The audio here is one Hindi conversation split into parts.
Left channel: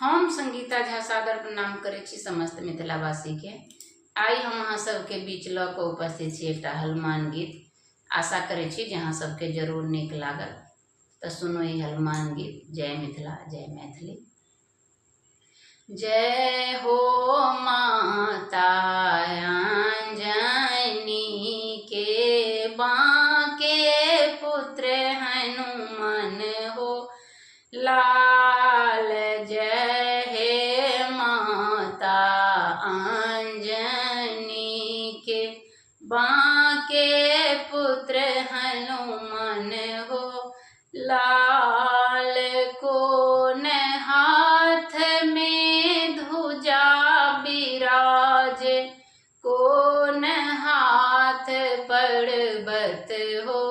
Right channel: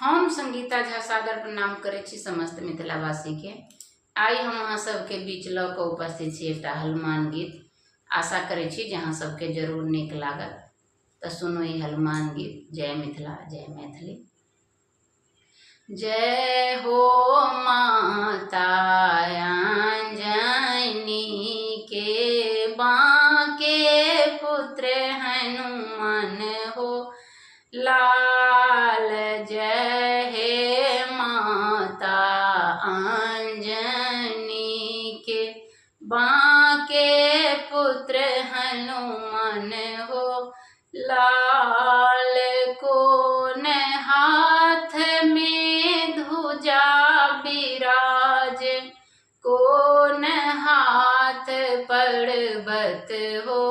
हम संगीता झा सादर प्रणाम करै छी समस्त मिथिलावासी के। आई हम अहाँ सबके बीच ल क उपस्थित छी एकटा हनुमान गीत। आशा करै छी जे अहाँ सबके जरूर नीक लागत। तऽ सुनो ई हनुमान गीत। जय मिथिला, जय मैथिली। जय हो माता अंजनी के बांके पुत्र हनुमान हो लाल। जय हे माता अंजनी के बांके पुत्र हनुमान हो लाल। कोन हाथ में ध्वजा बिराज, कोन हाथ पर्वत हो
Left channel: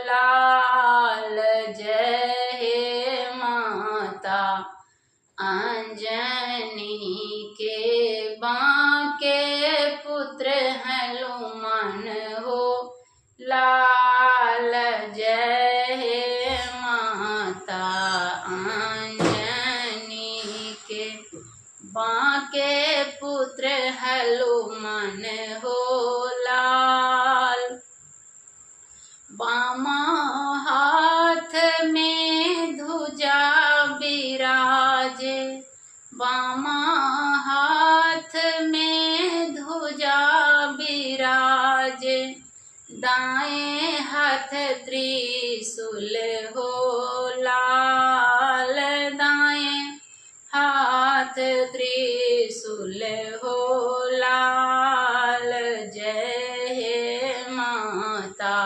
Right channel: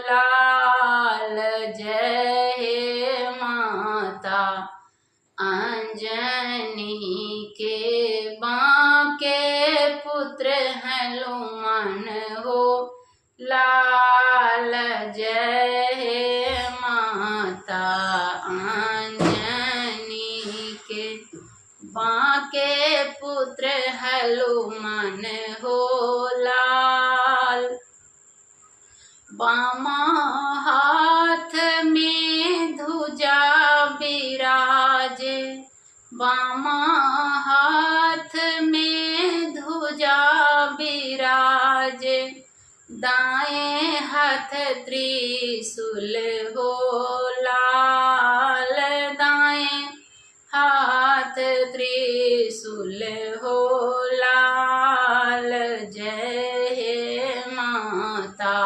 लाल। जय हे माता अंजनी के बांके पुत्र हनुमान हो लाल। जय हे माता अंजनी के बांके पुत्र हनुमान हो लाल। बामा हाथ में ध्वजा बिराजे, बामा हाथ में ध्वजा बिराजे। दाएं हाथ त्रिशूल हो लाल, दाएं हाथ त्रिशूल हो लाल। जय हे माता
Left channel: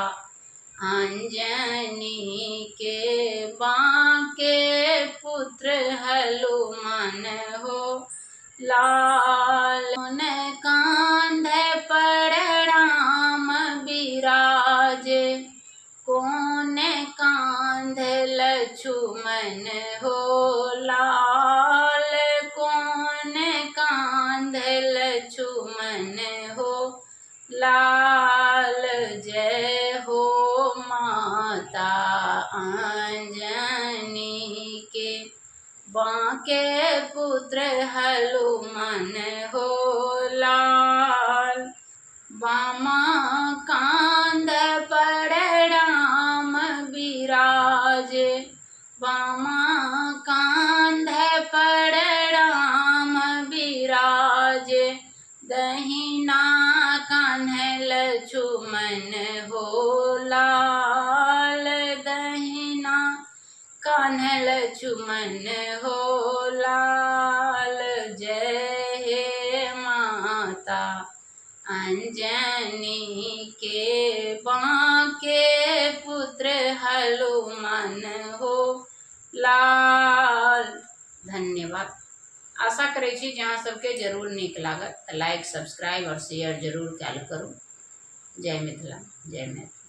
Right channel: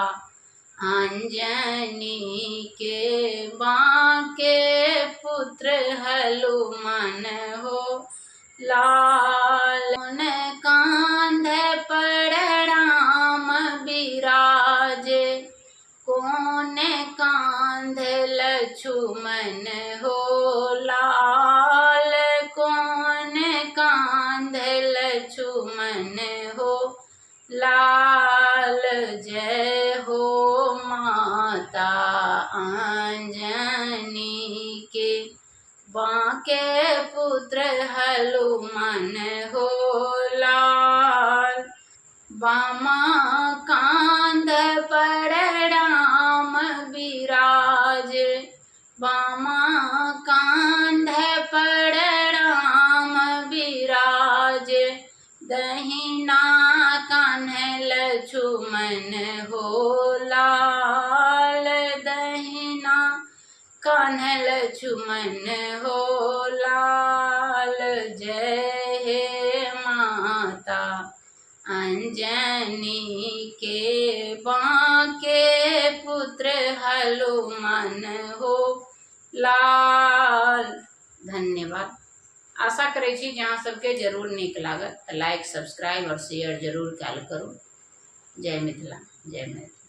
अंजनी के बांके पुत्र हनुमान हो लाल। कोन कांध पर राम बिराजे, कोन कांध लक्ष्मण हो लाल। कोन कांध लक्ष्मण हो लाल। जय हो माता अंजनी के बांके पुत्र हनुमान हो लाल। बामा कांध पर राम बिराजे, बामा कांध पर राम बिराजे। दहिना कान्ह लक्ष्मण हो लाल, दहिना कान्ह लक्ष्मण हो लाल। जय हे माता अंजनी के बांके पुत्र हनुमान हो लाल। धन्यवाद। आशा करै छी जे अहाँ सबके जरूर नीक लागत। लाइक, सब्सक्राइब और शेयर जरूर कैल करू। जय मिथिला, जय मैथिली।